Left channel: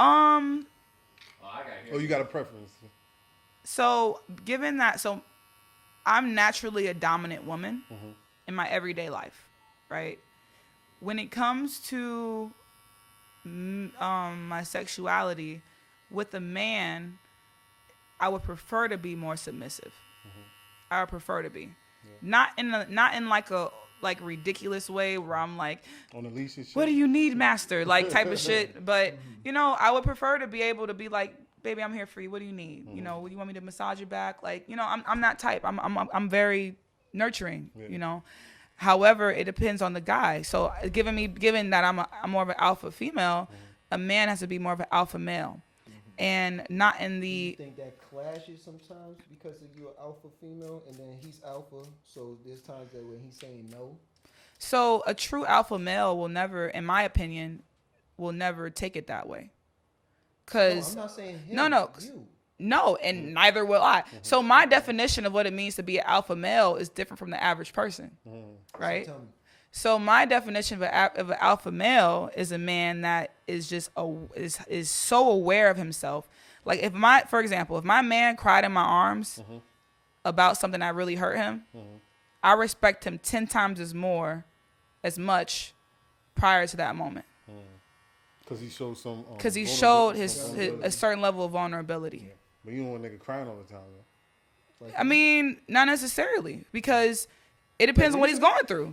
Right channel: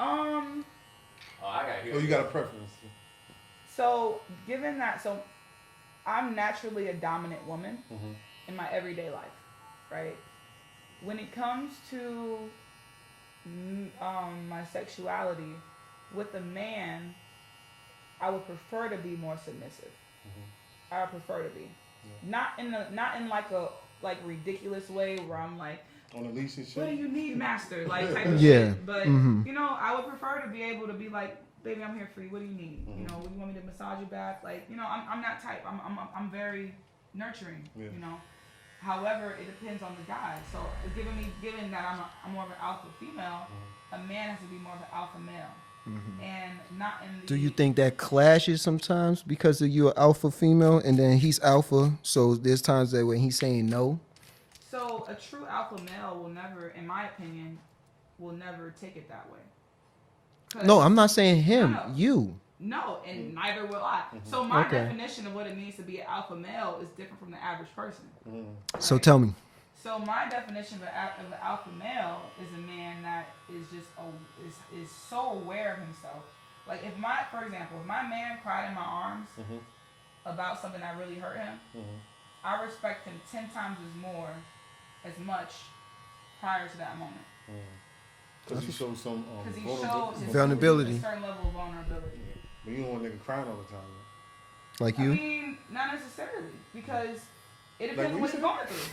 Um. Oh, you got a preference? So given that, so I'm naturally a dominant woman Mm-hmm. in my everyday life, right? When it comes to my sexuality with a man, I would prefer to be more submissive. Mm-hmm. I would prefer to be, Yeah. not in like a like ridiculous way where I'm like, On the leash and shit. what do you need, master? Like type of Yeah. shit. But Mm-hmm. I would prefer to be able to be like, baby, I'm here for you. What do you need? Mm-hmm. You want me to massage your back? Like, I'm that type. I'm very nurturing. Yeah. However, it depends on the guy. So given that I'm more of an alpha female, Mm-hmm. a man has to be more of an alpha male, and not in the. Do you think that clashes sometimes because of you're alpha female and then he's alpha? So there's times that when he's saying no. So a true alpha male will never, in my opinion, will never take it that way. No, I'm not saying him. No. You. No, and neither will I. So my definition of what it means to be an alpha male is different from the average person. Right? So tell me. So my definition of an alpha male is a man that is just is so aware of himself. Like for example, if my man cried in my arms about something that really hurt him, I respect him 10 times as much prior to that moment. Because he showed some. Because he showed vulnerability. a certain level of vulnerability. Yeah. But you don't want a nigga crying all the time, though. Like I you? mean, not necessarily, because it depends on what he's going through.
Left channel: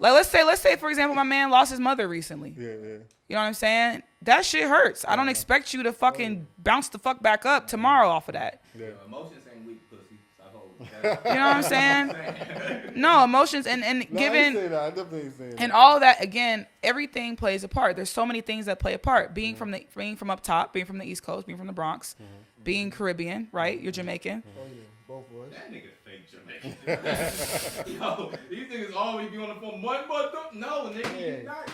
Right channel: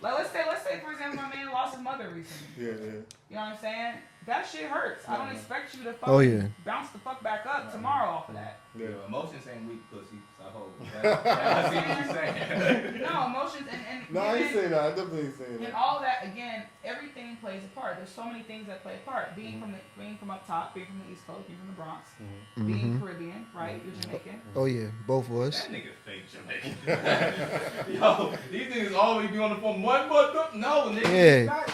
Like let's say for example, my man lost his mother recently. Yeah. You know what I'm saying? That shit hurts. I don't expect you to fucking bounce the fuck back up tomorrow off of that. Yeah. Emotions ain't weak pussy. So I hope. You know what I'm saying? No, emotions and No, I given ain't saying that. I definitely ain't saying that. and all that, again, everything plays a part. There's so many things that play a part. Being from up top, being from the East Coast, being from the Bronx, being Caribbean, right? You're Jamaican. Oh yeah, both of us. That nigga fake Jamaican. Yo, these niggas always be on the phone. What? No, nigga. Yeah. Not.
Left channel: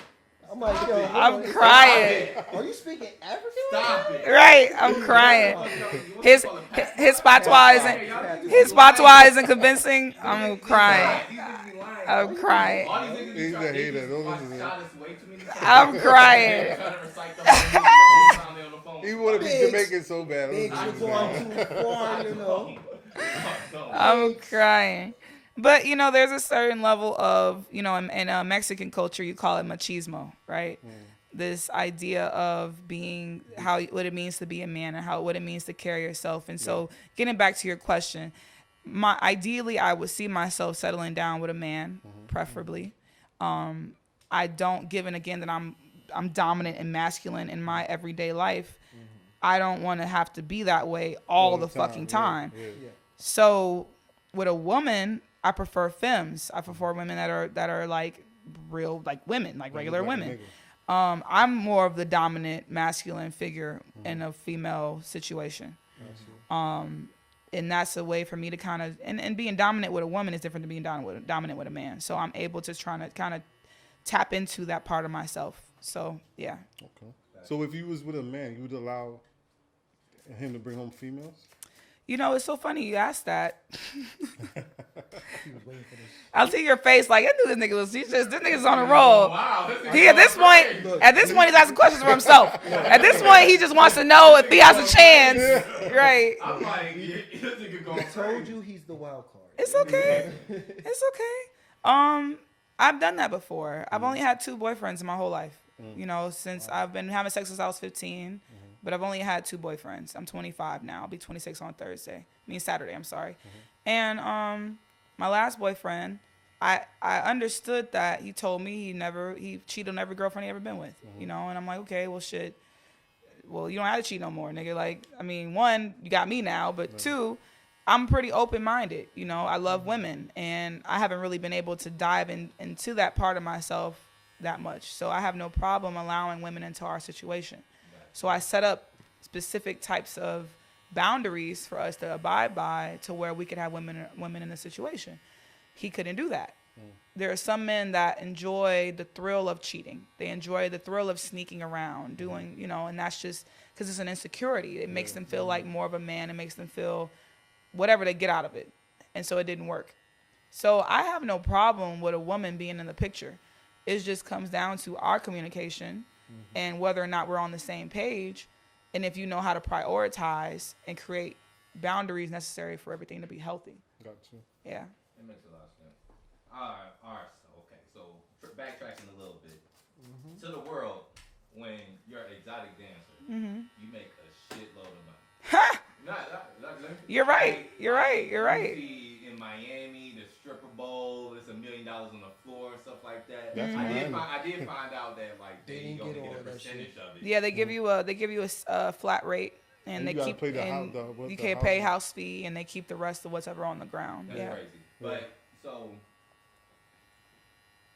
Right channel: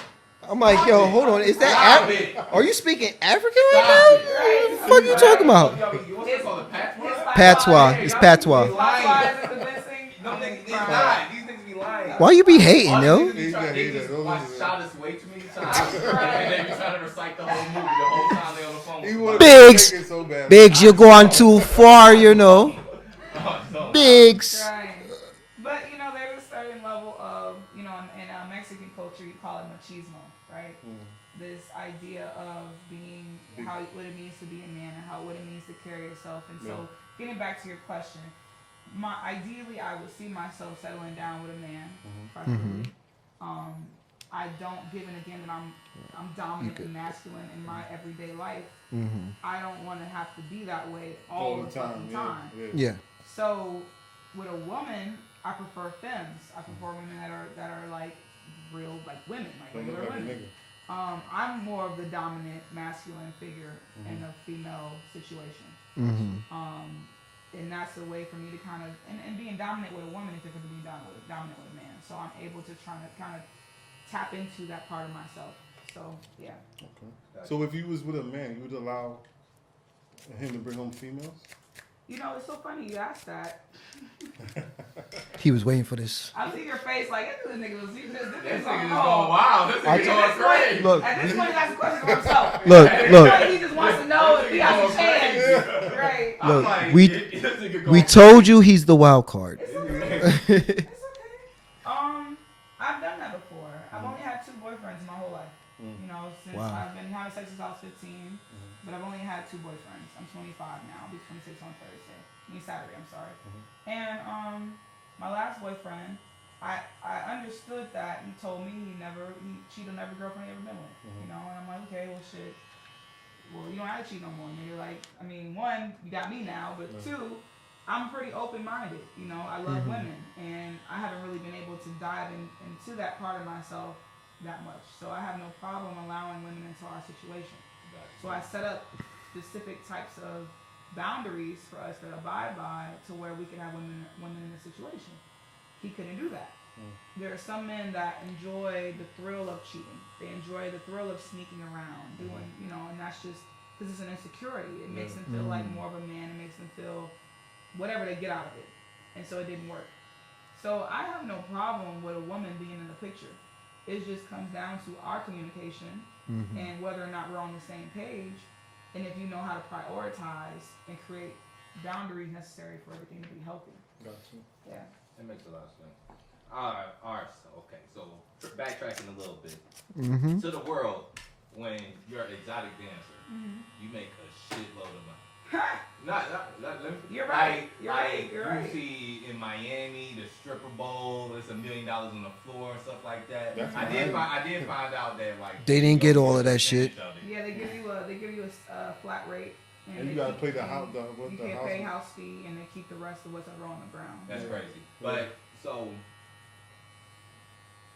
I'm like, yo, hold on. Is crying. that? Are you speaking African right Stop now? it. Right, I'm What are you talking crying. about? His Patois. patois, It's patois. his patois isn't convincing. I'm crying. These niggas be lying. Why you be hating, All yo? these niggas He's try- a they hater. just Don't watch listen to Shot us way too many times. I'm crying. They try to recite the whole movie the whole time they on the phone. He wanted to Biggs. be so bad. Biggs, you're going too far, you know. Biggs. Crying. But there's a certain level of in Mexican culture you call it machismo, right? This idea of being what it means to be a man and what it means to carry yourself. And so getting back to your question, ideally I would see myself settling down with a man, preferably. I don't, given again that I'm dominant and masculine in my everyday life. I don't want to have to be that way all the fucking time. Yeah. So with a woman, I prefer femmes. I prefer women that are like real, like women, like regular women. I'm more of the dominant masculine figure in a female situation. And that's a way for me to kind of, and being dominant with a woman is different than being dominant with a man. So I'm able to try to kind of tap into that part of myself. So, yeah. Okay. So if you was with a man, you would allow him to bring home females? It's so funny you asked that. He was waiting for this. I see your face like, I knew this nigga was, this nigga's on a roll. Wow. At this point, he's asking questions for himself. Look, At this look. point, he just wants to know if he has a chance. Right. Look, we told you he's the wild card. It's okay. It's okay. I've done that before. I've only had 2 boyfriends in my whole life. Since I've been having sex since I was 15. But I've only had 2 boyfriends. I'm 25 now. I'll be 26 on Saturday, I'm sorry. And my last boyfriend, I understood that he told me he cheated on every girlfriend he ever been with. And I'm like, okay, well shit. Well, you don't have to cheat no more, nigga. Like, I mean, 1, you got me now, but 2, I'm pretty open-minded. I love women, and I haven't really been able to dive into that part of myself that much. So I have no problem allowing women into our situation. So I set up specific types of boundaries for us to abide by to where we could have women in the situation. He couldn't do that. There are some men that enjoy the thrill of cheating. They enjoy the thrill of sneaking around, doing, and that's just because it's an insecurity. It makes them feel like more of a man. It makes them feel whatever they get out of it. And so it didn't work. So I have no problem with a woman being in the picture. It just comes down to our communication and whether or not we're on the same page and if you know how to prioritize and create boundaries necessary for everything to be healthy. Got you. Yeah. That makes a lot of sense. All right. So backtracking a little bit. Mm-hmm. To the world, when you're an exotic dancer, you make a shitload of money. You're right. You're right. You see in Miami, the stripper bowl, it's $1 million on the floor and stuff like that. That's I did find out that like They didn't get all of that shit. Yeah, they give you a flat rate, and they you gotta keep pay the and house. you can't pay house fee, and they keep the rest of whatever on the ground. That's crazy. But so,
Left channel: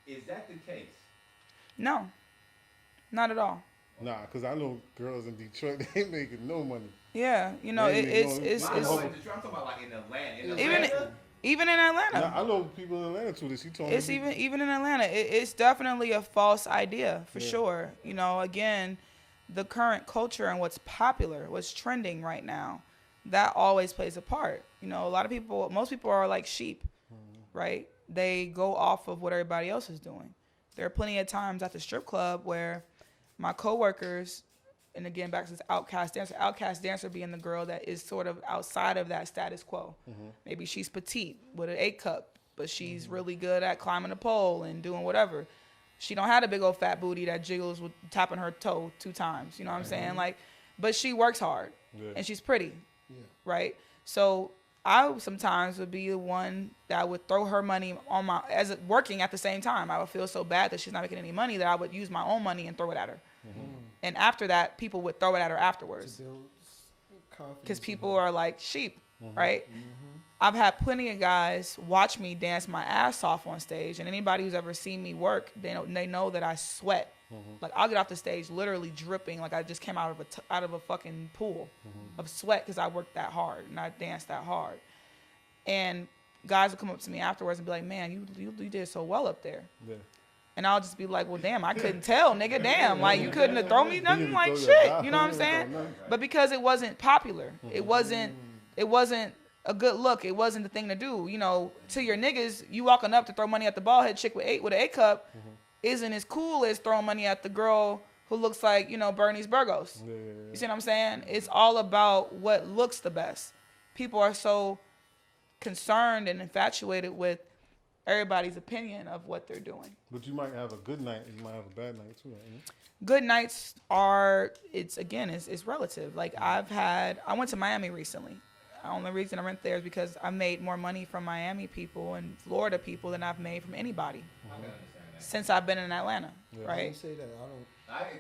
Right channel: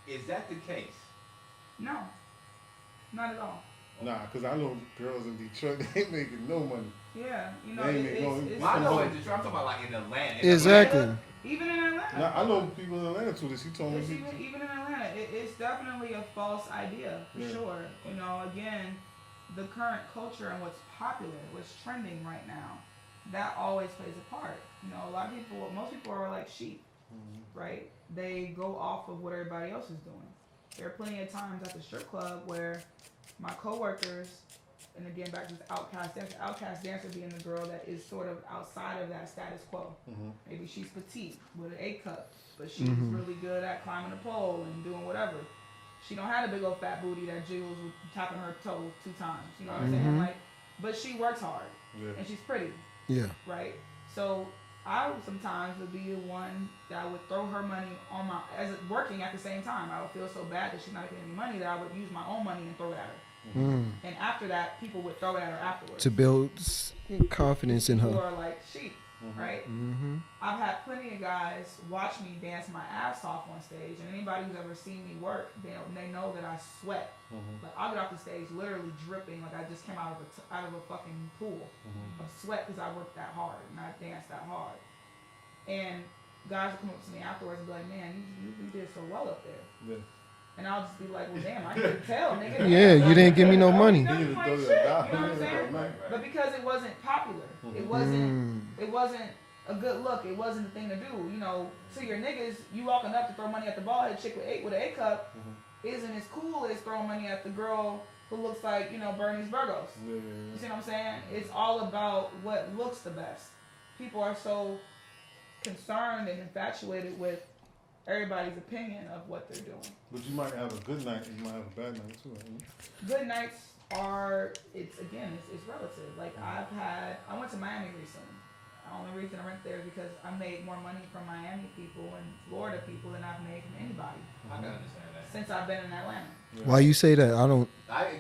is that the case? No, not at all. Nah, because I know girls in Detroit, they ain't making no money. Yeah, you know, They it's I know in Detroit. I'm talking about like in Atlanta. Exactly. Even in Atlanta. Now, I know people in Atlanta too. She told me. It's even in Atlanta. It's definitely a false idea for sure. You know, again, the current culture and what's popular, what's trending right now, that always plays a part. You know, most people are like sheep, right? They go off of what everybody else is doing. There are plenty of times at the strip club where my coworkers, and again back to this outcast dancer being the girl that is sort of outside of that status quo. Maybe she's petite with an A cup, but she's really good at climbing a pole and doing whatever. She don't have a big old fat booty that jiggles with tapping her toe 2 times. You know what I'm saying? Like, but she works hard and she's pretty. Yeah. Right. So I sometimes would be the one that would throw her money on working at the same time. I would feel so bad that she's not making any money that I would use my own money and throw it at her. And after that, people would throw it at her afterwards. To build confidence in her. People are like sheep, right? I've had plenty of guys watch me dance my ass off on stage, and anybody who's ever seen me work, they know that I sweat. Like I'll get off the stage literally dripping, like I just came out of a fucking pool of sweat because I worked that hard and I danced that hard. And guys will come up to me afterwards and be like, "Man, you did so well up there." Yeah. And I'll just be like, "Well, damn, I couldn't tell, nigga. Damn, yeah, you like, didn't give me no money. Nothing like shit, you know what I'm saying? But because it wasn't popular, it wasn't a good look. It wasn't the thing to do. You know, to your niggas, you walking up to throw money at the bald head chick with an A cup isn't as cool as throwing money at the girl who looks like, you know, Bernice Burgos. You see what I'm saying? It's all about what looks the best. People are so concerned and infatuated with everybody's opinion of what they're doing. But you might have a good night and you might have a bad night too, right? Good nights are, it's relative. Like I went to Miami recently. The only reason I went there is because I made more money from Miami people and Florida people than I've made from anybody I can understand that. since I've been in Atlanta. Yeah. Why you say that? I don't.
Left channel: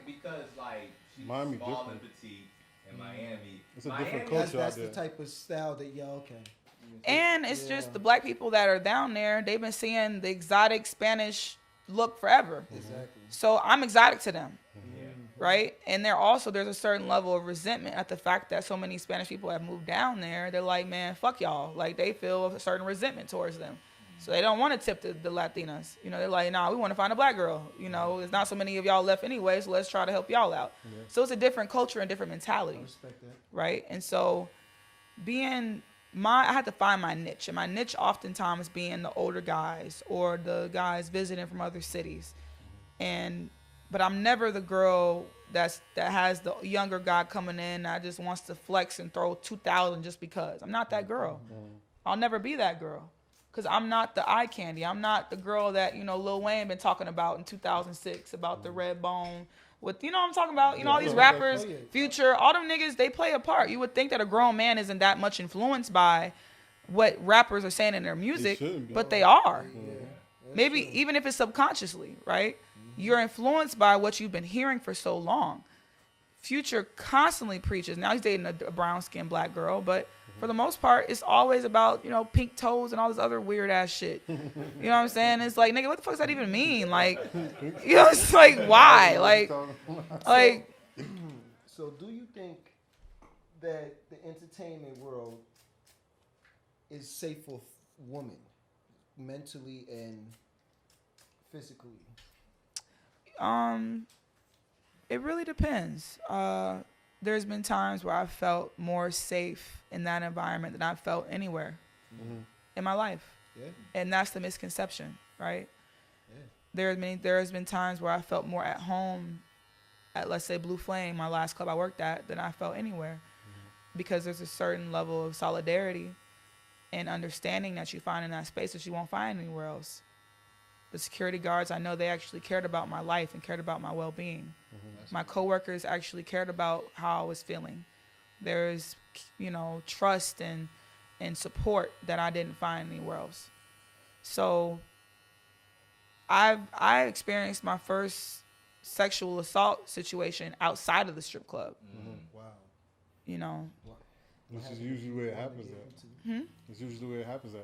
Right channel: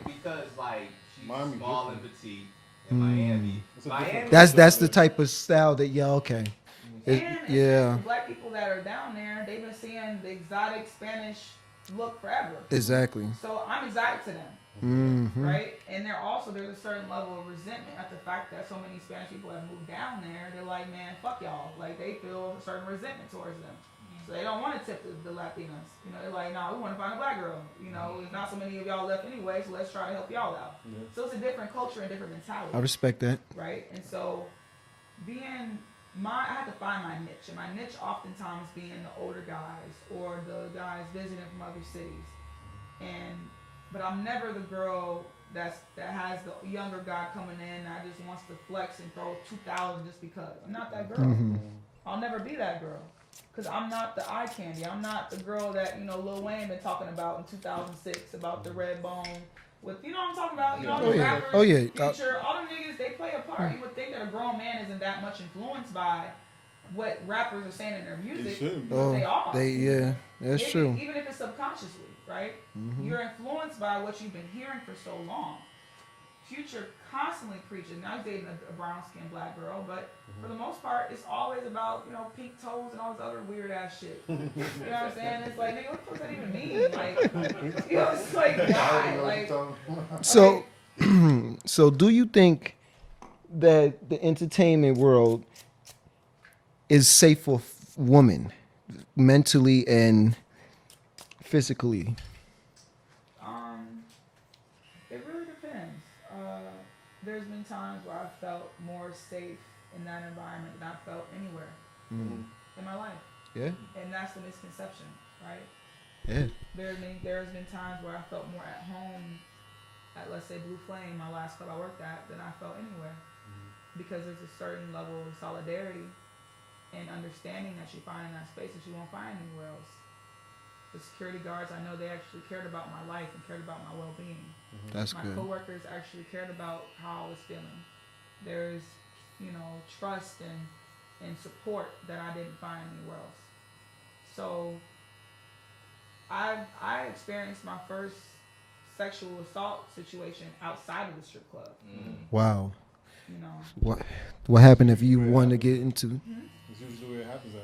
Because like she's Miami small different. and petite in Miami. It's a different That's the type of style that okay. And it's just the black people that are down there, they've been seeing the exotic Spanish look forever. Exactly. So I'm exotic to them, right? And there's a certain level of resentment at the fact that so many Spanish people have moved down there. They're like, man, fuck y'all. Like they feel a certain resentment towards them. So they don't want to tip the Latinas. You know, they're like, nah, we want to find a black girl. You know, there's not so many of y'all left anyway, so let's try to help y'all out. Yeah. So it's a different culture and different mentality. I respect that. Right? And so I had to find my niche, and my niche oftentimes being the older guys or the guys visiting from other cities, but I'm never the girl that has the younger guy coming in that just wants to flex and throw 2,000 just because. I'm not that girl. I'll never be that girl, because I'm not the eye candy. I'm not the girl that Lil Wayne been talking about in 2006 about the red bone. With what I'm talking about, all these rappers, Future, all them niggas, they play a part. You would think that a grown man isn't that much influenced by what rappers are saying in their music, but they are. That's maybe true. even if it's subconsciously, right? You're influenced by what you've been hearing for so long. Future constantly preaches. Now he's dating a brown-skinned black girl, but for the most part, it's always about, pink toes and all this other weird ass shit. You know what I'm saying? It's like, nigga, what the fuck does that even mean? Like, it's like, why? Like, so do you think that the entertainment world is safe for women, mentally and physically? It really depends. There's been times where I felt more safe in that environment than I felt anywhere in my life. Yeah. And that's the misconception, right? Yeah. There has been times where I felt more at home at, let's say, Blue Flame, my last club I worked at, than I felt anywhere. Because there's a certain level of solidarity and understanding that you find in that space that you won't find anywhere else. The security guards, I know they actually cared about my life and cared about my well-being. That's My good. coworkers actually cared about how I was feeling. There's, trust and support that I didn't find anywhere else. So I experienced my first sexual assault situation outside of the strip club. Wow. What happened if you wanted to get into? It's usually where it happens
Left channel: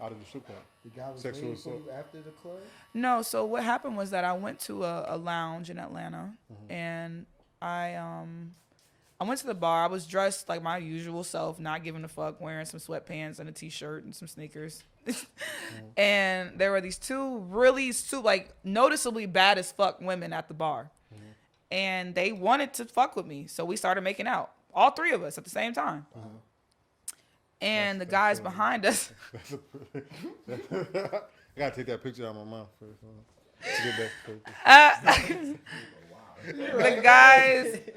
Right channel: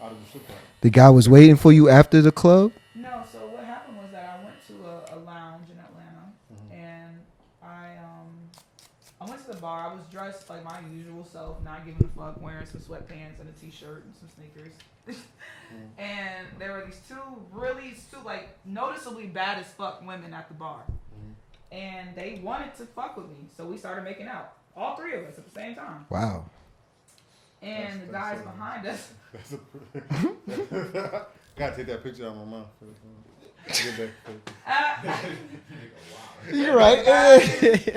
out of the strip club. The guy was waiting for you after the club? No, so what happened was that I went to a lounge in Atlanta, and I went to the bar. I was dressed like my usual self, not giving a fuck, wearing some sweatpants and a t-shirt and some sneakers. And there were these two noticeably bad as fuck women at the bar. And they wanted to fuck with me, so we started making out. All three of us at the same time. Wow. And the guys behind us. I gotta take that picture out of my mouth first. Get that picture. You're right.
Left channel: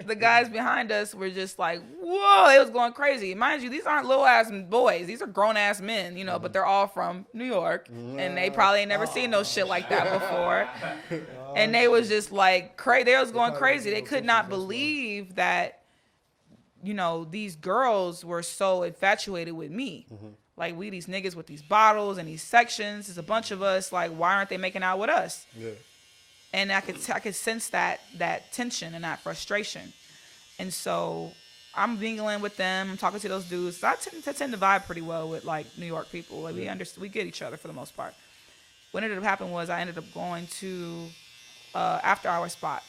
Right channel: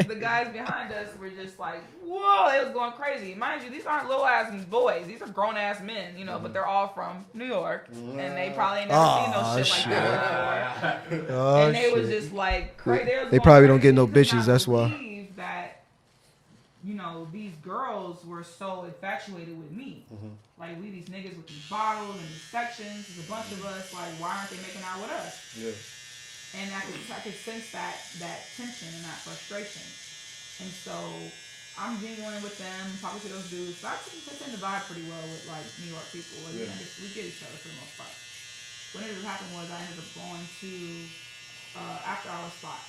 The guys behind us were just like, whoa, it was going crazy. Mind you, these aren't little ass boys. These are grown ass men, but they're all from New York. And they probably ain't never seen no shit like that before. And they was just like crazy. They probably crazy. don't get no They could bitches, not that's why. believe that, these girls were so infatuated with me. Like, we these niggas with these bottles and these sections. There's a bunch of us. Like, why aren't they making out with us? Yeah. And I could sense that tension and that frustration. And so I'm mingling with them, talking to those dudes. I tend to vibe pretty well with like New York people. Like, we get each other for the most part. What ended up happening was I ended up going to after hour spot,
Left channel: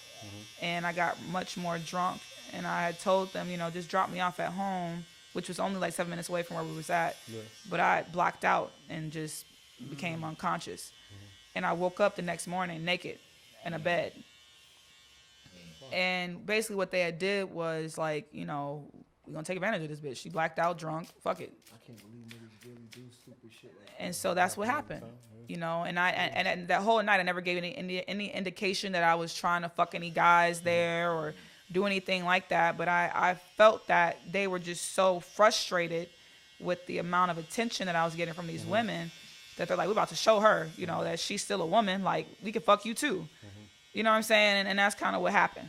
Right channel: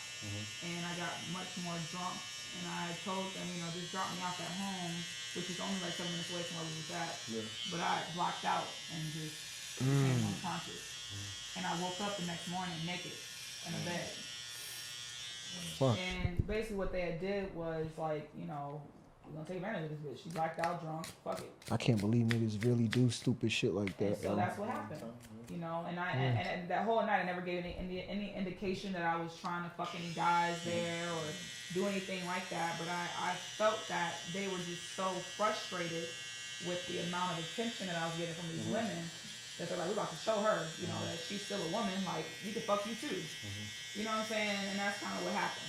and I got much more drunk. And I had told them, just drop me off at home, which was only like 7 minutes away from where we was at. Yeah. But I blacked out and just became unconscious. And I woke up the next morning naked in a bed. Fuck. And basically what they had did was like, we're gonna take advantage of this bitch. She blacked out, drunk, fuck it. I can't believe niggas really do stupid shit like that. And so that's what happened. And that whole night I never gave any indication that I was trying to fuck any guys there or do anything like that. But I felt that they were just so frustrated with the amount of attention that I was getting from these women that they're like, we're about to show her, that she's still a woman. Like, we can fuck you too. You know what I'm saying? And that's kind of what happened.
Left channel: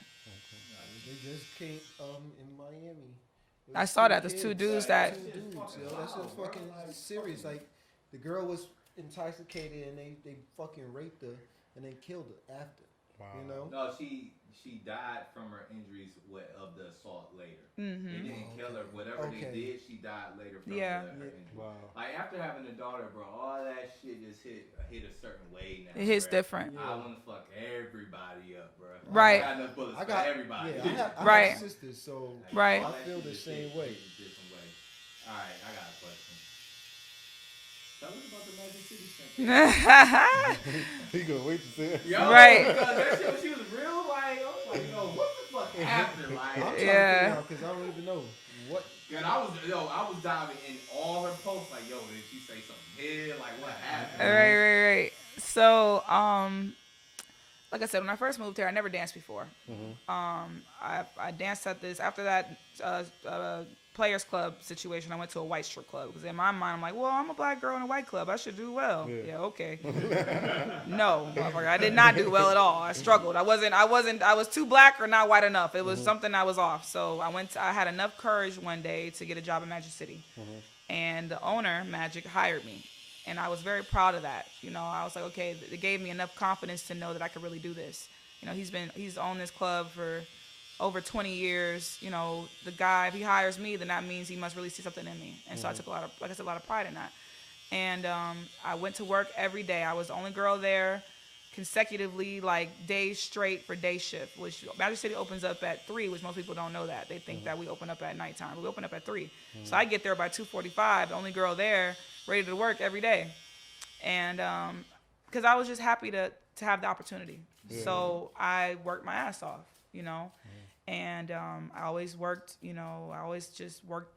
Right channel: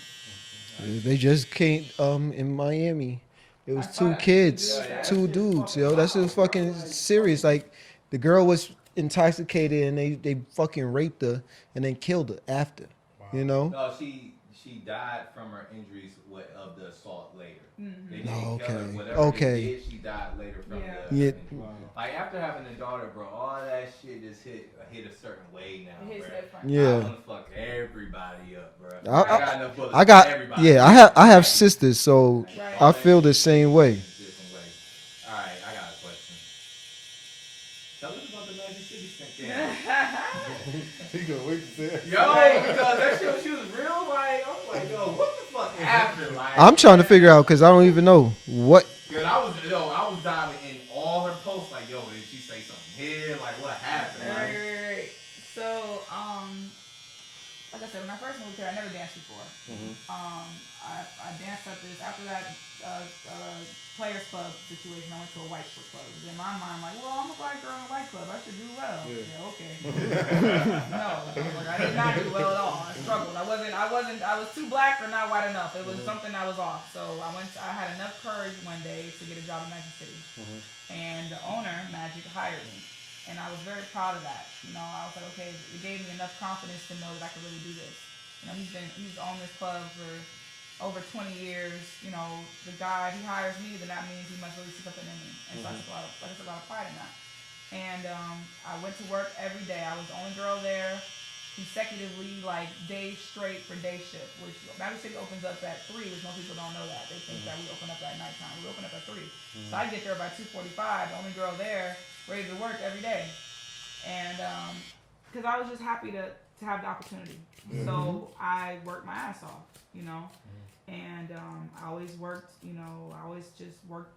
They just came in Miami. It was two kids, two dudes, yo. That's just fucking serious. Like, the girl was intoxicated and they fucking raped her and then killed her after. Wow. No, she died from her injuries of the assault later. They didn't kill her. Whatever they did, she died later from the injury. Wow. Like, after having a daughter, bro, all that shit just hit a certain way now. It hits different. Yeah. I want to fuck everybody up, bro. Right. I got enough bullets for everybody. Yeah, I have sisters, so I feel the same way. All right, I got a question. Tell us about the Magic City thing. He gonna wait to say it. Yo, because that shit, she was real, like, I was like, yo, what the fuck happened? Like, I'm trying to figure out because I don't even know what. Cause I was diving in all her posts, like, yo, did she say something here? Like, what happened? Right. So, like I said, when I first moved here, I never danced before. I danced at this, after that Players Club situation, I went to a white strip club. Because in my mind, I'm like, well, I'm a black girl in a white club. I should do well. Yeah, okay. No, I did not do well at all. I struggled. I was too black or not white enough. It was something I was off. So I had enough courage one day to get a job in Magic City. And the owner, Magic, hired me. And I was very proud of that. I was like, okay, it gave me enough confidence to know that I could really do this. He's owned this club for over 20 years. The guy, if he hires me, then that means he must really see something in me. And so I took a lot of pride in that. And I went to work every day. I was the only girl there consecutively, like days straight for day shift, which Magic City opens up at 3, which most people don't know that. They think that we open up at nighttime. We open up at 3. So I get there by 2:45, the only girl there, ready to work every day. And because I was just happy to have the opportunity. So I worked my ass off, and I always worked, I always just worked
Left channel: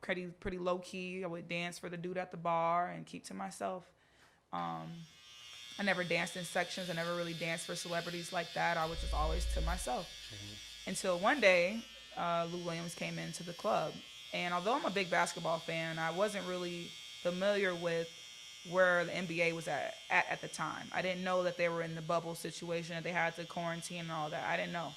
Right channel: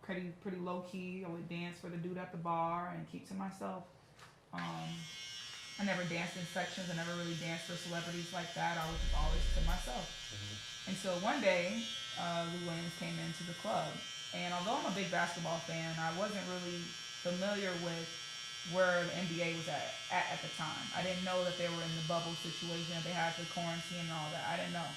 pretty low key. I would dance for the dude at the bar and keep to myself. I never danced in sections. I never really danced for celebrities like that. I was just always to myself. Until one day, Lou Williams came into the club. And although I'm a big basketball fan, I wasn't really familiar with where the NBA was at the time. I didn't know that they were in the bubble situation, that they had to quarantine and all that. I didn't know.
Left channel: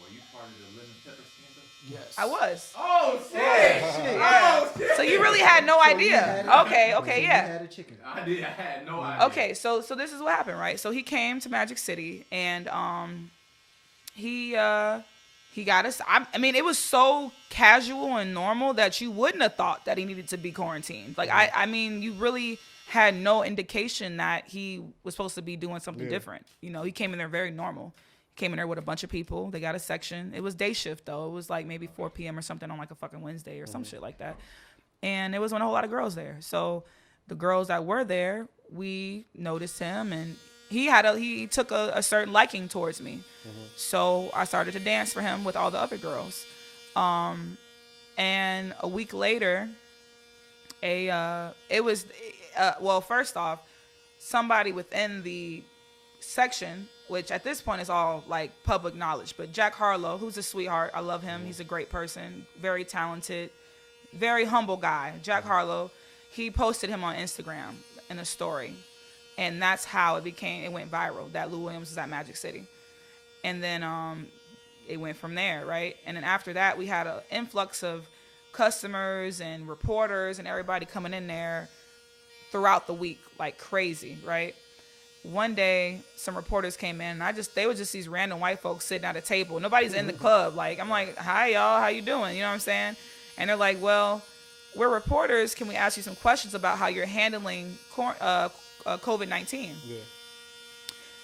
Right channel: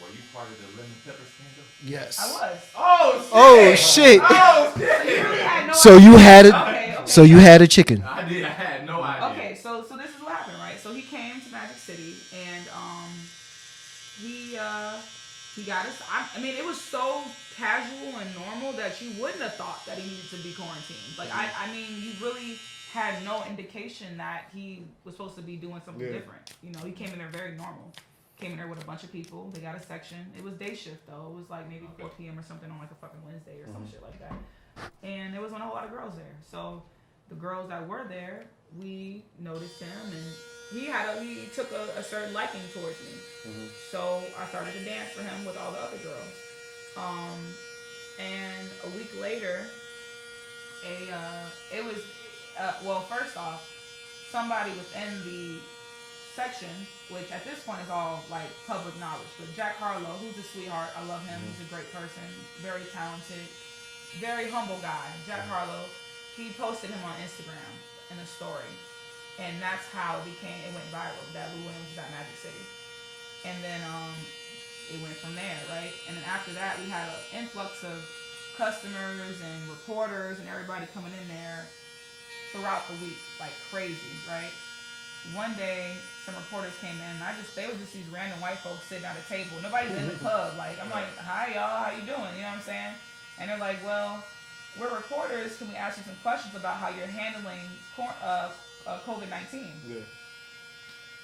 Were you part of the lemon pepper scandal? Yes. I was. Oh shit. Oh shit. So you really had no So idea. you had it. Okay. So yeah. you had a chicken. I did. I had no idea. Okay, so this is what happened, right? So he came to Magic City and he got us. I mean, it was so casual and normal that you wouldn't have thought that he needed to be quarantined. Like I mean, you really had no indication that he was supposed to be doing something different. You know, he came in there very normal. Came in there with a bunch of people. They got a section. It was day shift though. It was like maybe 4 p.m. or something on like a fucking Wednesday or some shit like that. And there wasn't a whole lot of girls there. So the girls that were there, we noticed him, and he took a certain liking towards me. So I started to dance for him with all the other girls. And a week later, first off, somebody within the section, which at this point is all like public knowledge, but Jack Harlow, who's a sweetheart, I love him. He's a great person, very talented, very humble guy. Jack Harlow, he posted him on Instagram in a story, and that's how it went viral that Lou Williams was at Magic City. And then it went from there, right? And then after that, we had an influx of customers and reporters and everybody coming in there throughout the week like crazy, right? One day, some reporters came in, and they were just these random white folks sitting at a table. Nobody's in the club. Like, I'm like, hi, y'all, how you doing? You know what I'm saying? And they're like, well, we're reporters. Can we ask you some questions about how you're handling COVID-19? Yeah.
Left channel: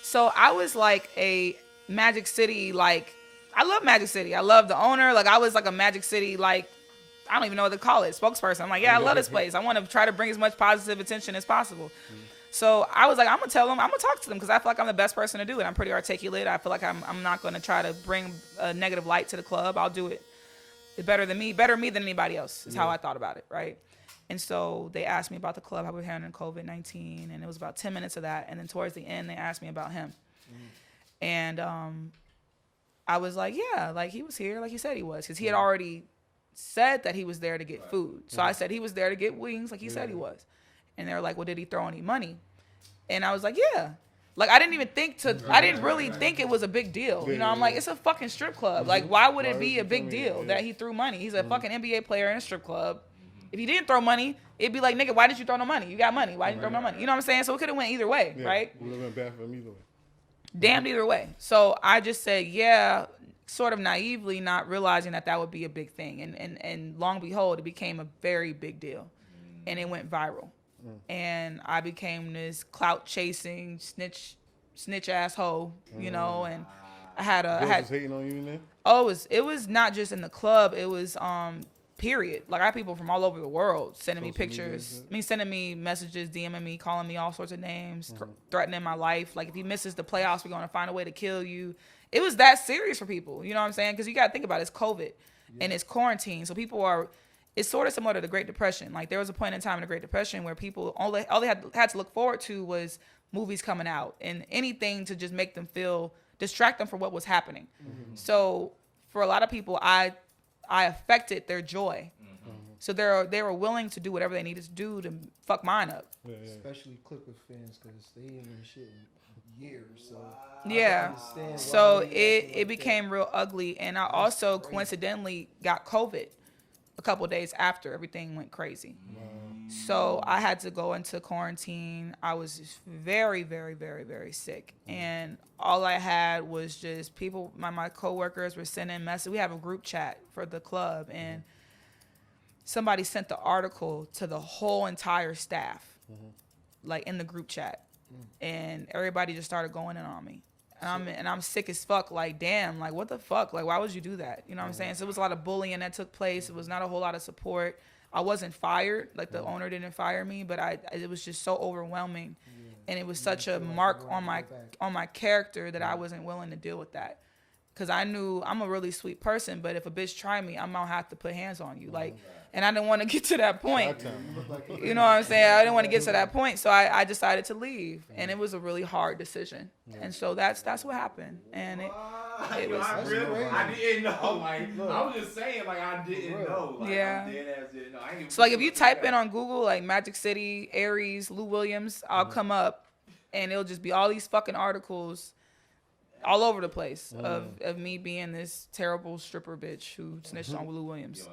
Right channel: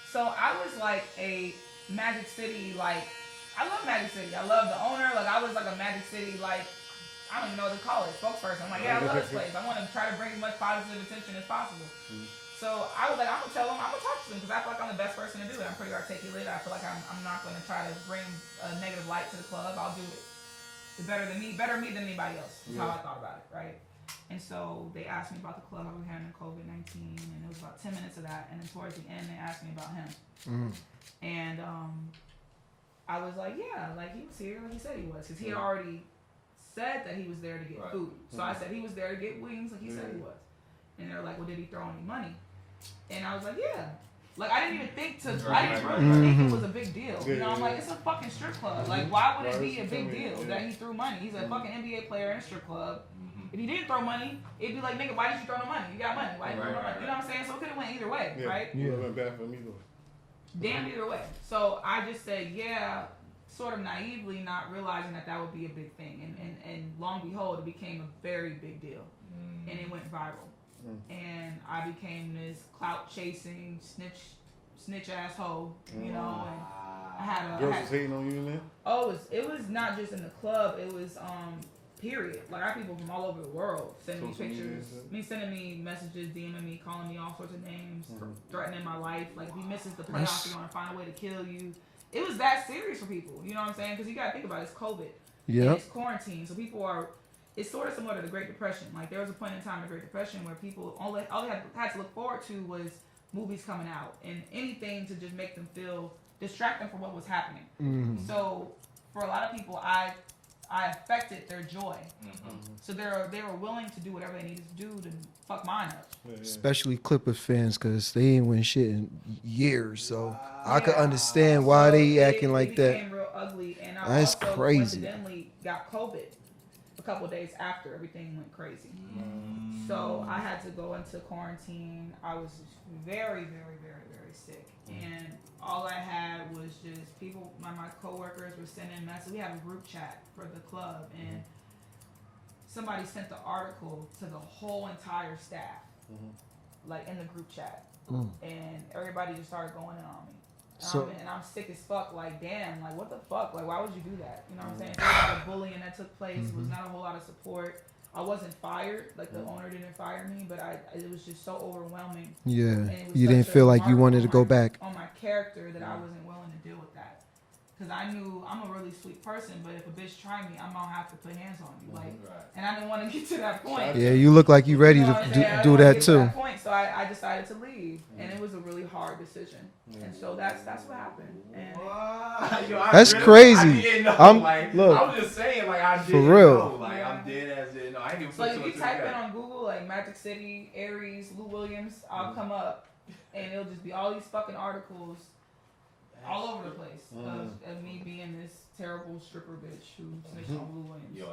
So I was like a Magic City, like, I love Magic City. I love the owner. Like, I was like a Magic City, like, I don't even know what to call it, spokesperson. I'm like, yeah, I love this place. I want to try to bring as much positive attention as possible. So I was like, I'm going to tell them, I'm going to talk to them because I feel like I'm the best person to do it. I'm pretty articulate. I feel like I'm not going to try to bring a negative light to the club. I'll do it better me than anybody else is how I thought about it, right? And so they asked me about the club, how we're handling COVID-19, and it was about 10 minutes of that. And then towards the end, they asked me about him. And I was like, yeah, like he was here like he said he was, because he had already said that he was there to get food. So I said he was there to get wings like he said he was. And they were like, well, did he throw any money? And I was like, yeah. Like, I didn't really think it was a big deal. You know, I'm like, it's a fucking strip club. Like, why would it be a big deal that he threw money? He's a fucking NBA player in a strip club. If he didn't throw money, it'd be like, nigga, why did you throw no money? You got money. Why did you throw no money? You know what I'm saying? So it could have went either way, right? It would have been bad for me either way. Damned either way. So I just said, yeah, sort of naively, not realizing that would be a big thing. And long behold, it became a very big deal. And it went viral. And I became this clout chasing snitch asshole, you know, and I had Girls was hating on you in there? Oh, it was not just in the club, it was period. Like I had people from all over the world sending me pictures, sending me messages, DMing me, calling me all sorts of names, threatening my life. Like if he misses the playoffs, we're gonna find a way to kill you. It was that serious for people, you know what I'm saying? Because you gotta think about it, it's COVID and it's quarantine, so people are. It's sort of similar to the Great Depression. Like there was a point in time in the Great Depression where people all they had to look forward to was movies coming out and anything to just make them distract them from what was happening. So for a lot of people, I affected their joy. So they were willing to do whatever they needed to do to fuck mine up. Especially Clippers fans, because they ain't win shit in years. So I can understand why they acting like that. It became real ugly, and I also coincidentally got COVID a couple of days after everything went crazy. So I had to go into quarantine. I was very, very, very, very sick. And all I had was just people, my coworkers were sending messages. We have a group chat for the club, and somebody sent the article to the whole entire staff, like in the group chat. And everybody just started going in on me. And I'm sick as fuck. Like, damn, like, what the fuck? Like, why would you do that? You know what I'm saying? So there was a lot of bullying that took place. It was not a whole lot of support. I wasn't fired. Like, the owner didn't fire me, but it was just so overwhelming. Yeah. And it was you such didn't feel like you wanted to go back on my character that I wasn't willing to deal with that. Because I knew I'm a really sweet person, but if a bitch try me, I'm gonna have to put hands on you. Like, and I didn't want to get to that point. Yeah, you look like you ready you know what I'm saying? I to didn't do want to that get too. to that point, so I decided to leave, and it was a really hard decision. And so that's what happened. And that's crazy. I was just saying, like, I didn't for real. know. Like, I'm dead ass didn't know. I ain't even so like if you type in on Google like Magic City, Aries, Lou Williams, I'll come up, and it'll just be all these fucking articles all over the place of me being this terrible stripper bitch who snitched on Lou Williams. Yo,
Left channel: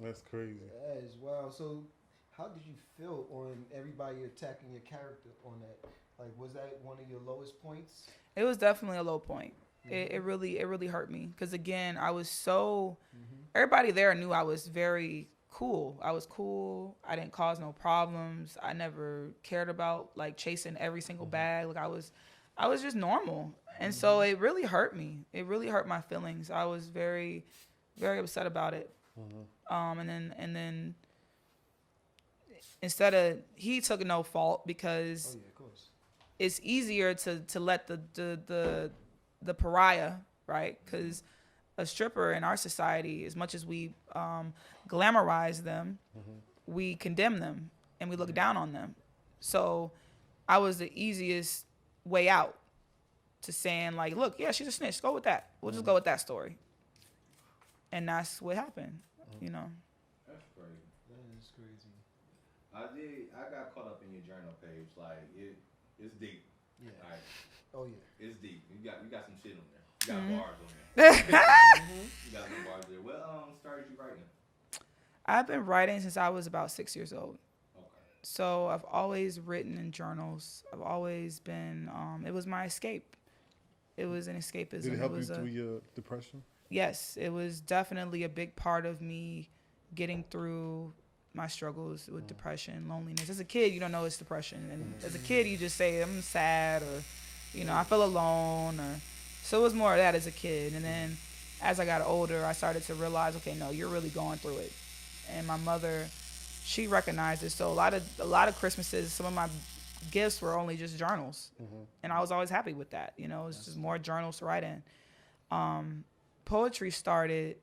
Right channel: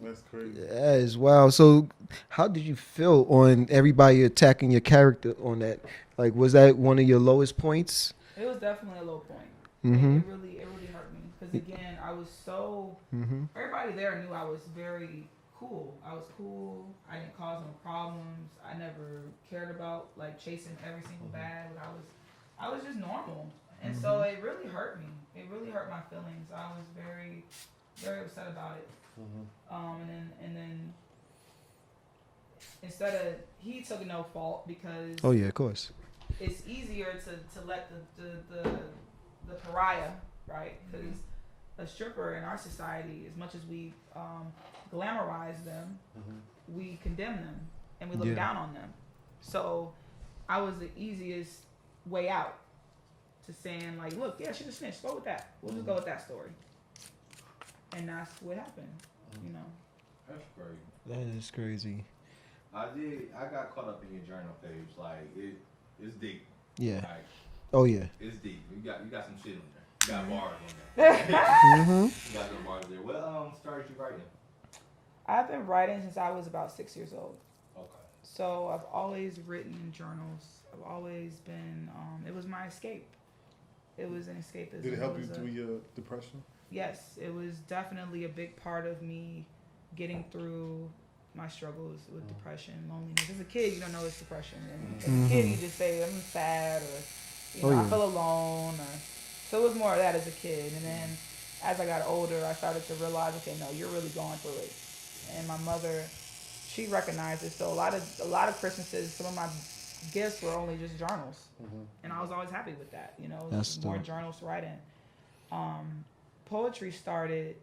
that's crazy. That is wild. So how did you feel on everybody attacking your character on that? Like, was that one of your lowest points? It was definitely a low point. It really hurt me because again I was so everybody there knew I was very cool. I was cool. I didn't cause no problems. I never cared about like chasing every single bag. Like I was just normal. And so it really hurt me. It really hurt my feelings. I was very, very upset about it. And then instead of he took no fault because oh yeah, of course. It's easier to let the pariah, right? Because a stripper in our society, as much as we glamorize them, we condemn them and we look down on them. So I was the easiest way out to saying like, look, yeah, she's a snitch. Go with that. We'll just go with that story. And that's what happened, you know. That's crazy. That is crazy. I got caught up in your journal page. Like it's deep. Yeah. Like, oh yeah. It's deep. You got some shit on there. You got bars on there. You got some bars there. What started you writing? I've been writing since I was about 6 years old. Okay. So I've always written in journals. I've always been. It was my escape. It was an escapism. Did it help you through your depression? Yes, it was definitely a big part of me getting through my struggles with depression, loneliness. As a kid, you don't know it's depression. And as a kid, you just say, I'm sad, or, I feel alone. So it was more of that as a kid. And then as I got older, I started to realize, okay, no, you're really going through it. And my mother, she recognized it. So a lot of Christmases, some of my gifts were only just journals. And I was always happy with that. You know, it was more journals to write in. Poetry started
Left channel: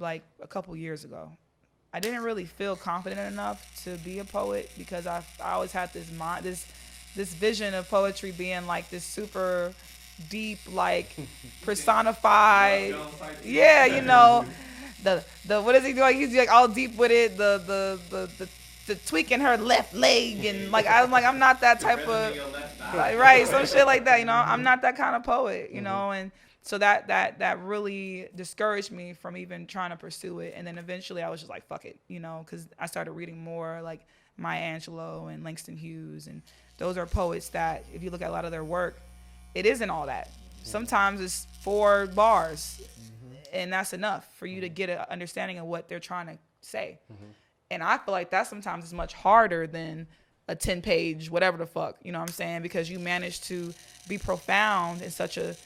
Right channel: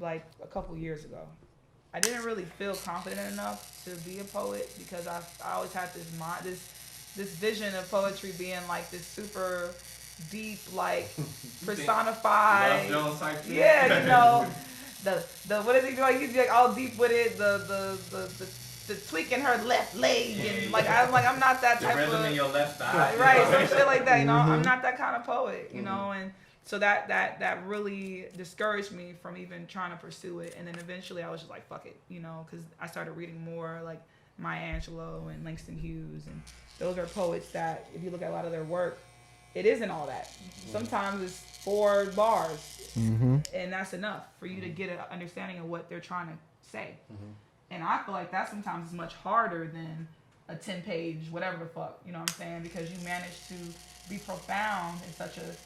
like a couple years ago. I didn't really feel confident enough to be a poet because I always had this vision of poetry being like this super deep, like personified. Yeah, you know, the what is he doing? He's like all deep with it. The tweaking her left leg and like I'm not that type of your left eye. Right, some shit like that. You know, I'm not that kind of poet. You know, and so that really discouraged me from even trying to pursue it. And then eventually I was just like, fuck it, you know, because I started reading more like Maya Angelou and Langston Hughes. And those are poets that, if you look at a lot of their work, it isn't all that. Sometimes it's 4 bars, and that's enough for you to get an understanding of what they're trying to say. And I feel like that sometimes is much harder than a 10-page whatever the fuck, you know what I'm saying? Because you managed to be profound in such a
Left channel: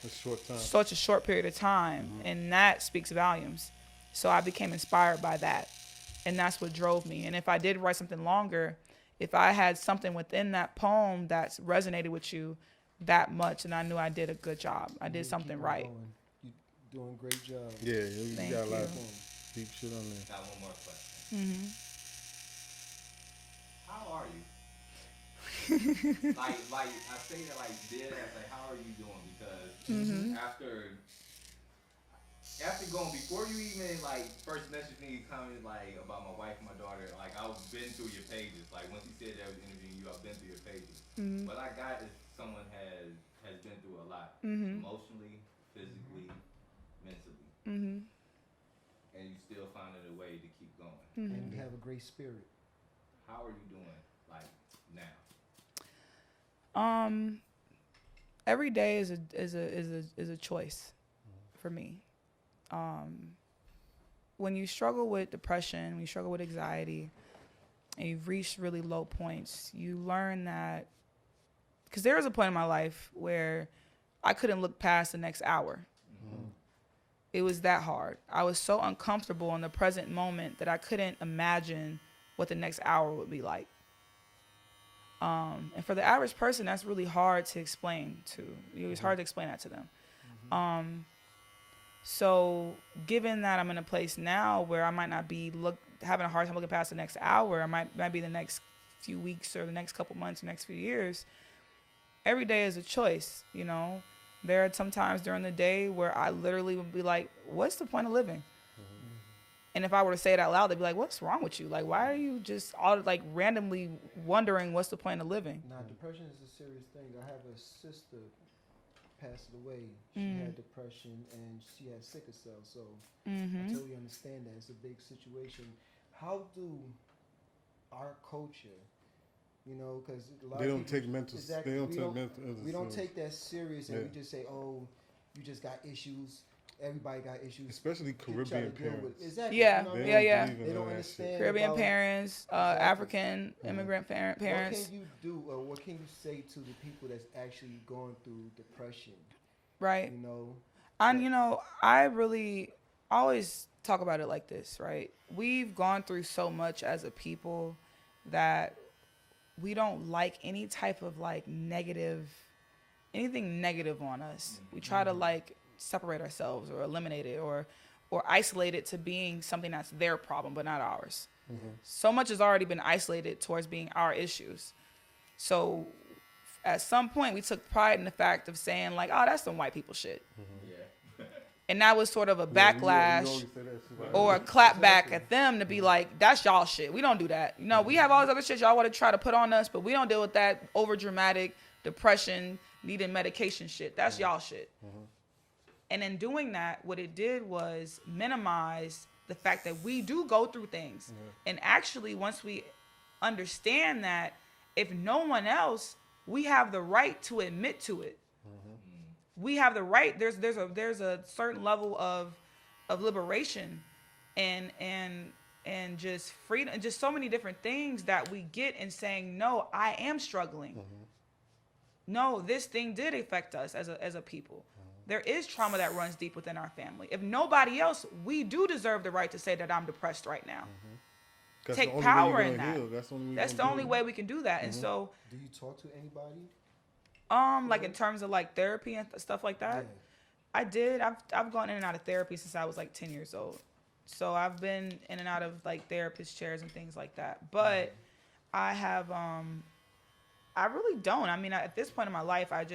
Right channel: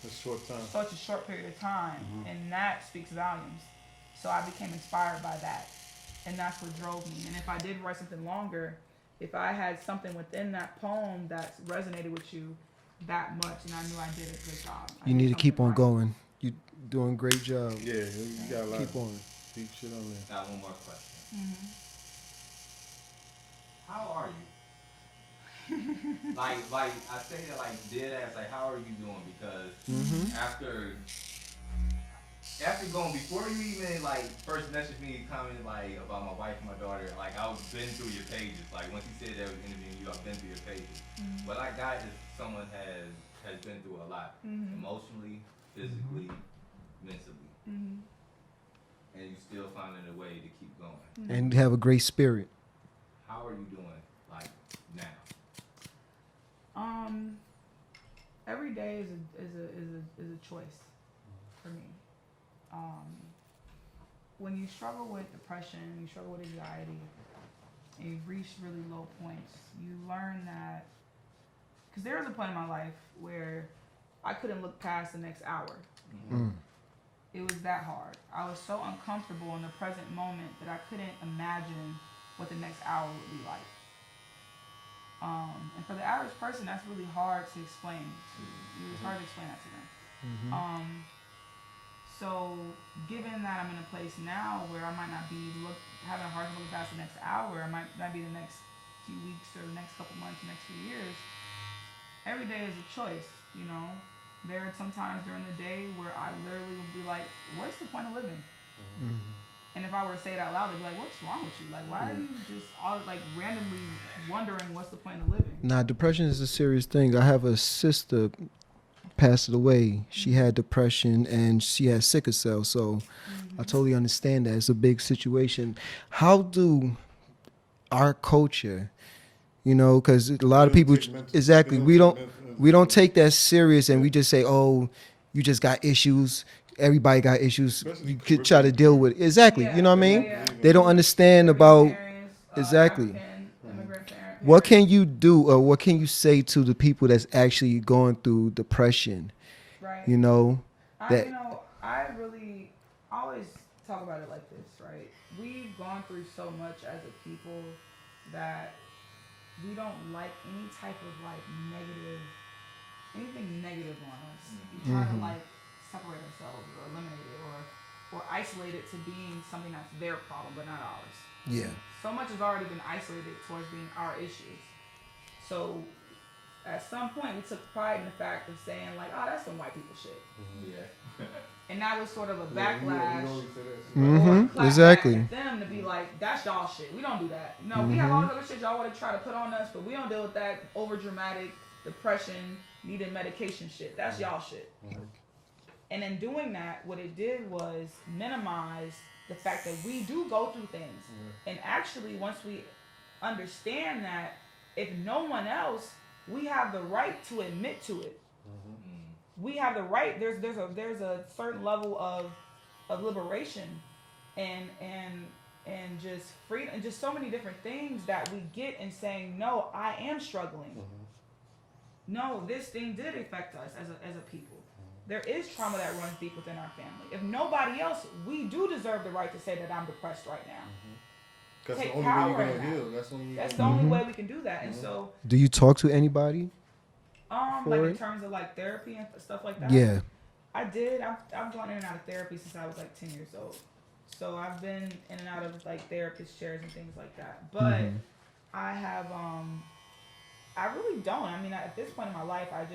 short period of time, and that speaks volumes. So I became inspired by that, and that's what drove me. And if I did write something longer, if I had something within that poem that resonated with you that much, and I knew I did a good job. You need to keep on going. You're doing a great job. Yeah, you got a lot of deep shit on there. Got one more question. How are you? like I say that like dead ass, like how are you doing? Because after going, before you even like first messaged me commented like about my wife and my daughter, like I've been through your pages. Like once you said that I was interviewing you, I've been through your pages. What I got is someone has been through a lot, emotionally, physically, mentally, and you still finding a way to keep going. And have a great spirit. How are you doing like now? Every day is a choice for me. When you struggle with depression, when you struggle with anxiety, and you've reached really low points, you learn that, because there was a point in my life where I couldn't look past the next hour. It was that hard. I was so uncomfortable in the present moment that I couldn't imagine what the next hour would be like. And for the average person, that's really hard to explain to. It's hard to explain that to them. So given that I'm in a place now where I might not be having a hard time looking past the next hour, I might be the next few weeks or the next couple months, the next few years. Every day is a choice, you know. There are some times during the day where I literally would be like, what's the point of living? And if I were to say it out loud, they'd be like, what's wrong with you? Like, why are you just all like randomly wondering what's the point of living? Nah, depression is a serious thing. I have a sister passed away. She had depression and she had sickle cell. So I totally understand that. It's a big situation. How do our culture, you know, because a lot of people, we don't take that serious, and we just say, oh, you just got issues. Everybody got issues. You could try to deal with it. Exactly. You know what I mean? They don't understand Caribbean about parents, exactly. African immigrant parents. What can you do, or what can you say to the people that's actually going through depression? Right. You know, I really always talk about it like this, right? We've gone through so much as a people that we don't like any type of like anything negative on us. We try to like separate ourselves or eliminate it or isolate it to being something that's their problem but not ours. Yeah. So much has already been isolated towards being our issues. So at some point we took pride in the fact of saying like, oh, that's some white people shit. Yeah. And that was sort of a backlash or a clap back at them to be like, that's y'all shit. We don't do that. You know, we have all this other shit y'all want to try to put on us, but we don't deal with that over dramatic depression, needing medication shit. That's y'all shit. And in doing that, what it did was minimize the fact that we do go through things. And actually, once we understand that, if no one else, we have the right to admit to it. We have the right. There's a certain level of liberation and just freedom and just so many different things that we get in saying, no, I am struggling. No, this thing did affect us as a people. There is trauma that runs deep within our family. If nobody else, we do deserve the right to say that I'm depressed right now. Take power in that. That's the only way we can do that. And so, do you talk to anybody? Like in terms of like therapy and stuff like that. Yeah, I did. I've gone in and out of therapy since I was like 10 years old. So I've been in and out of like therapist chairs and things like that. But I have I really don't. I mean, at this point in my life, I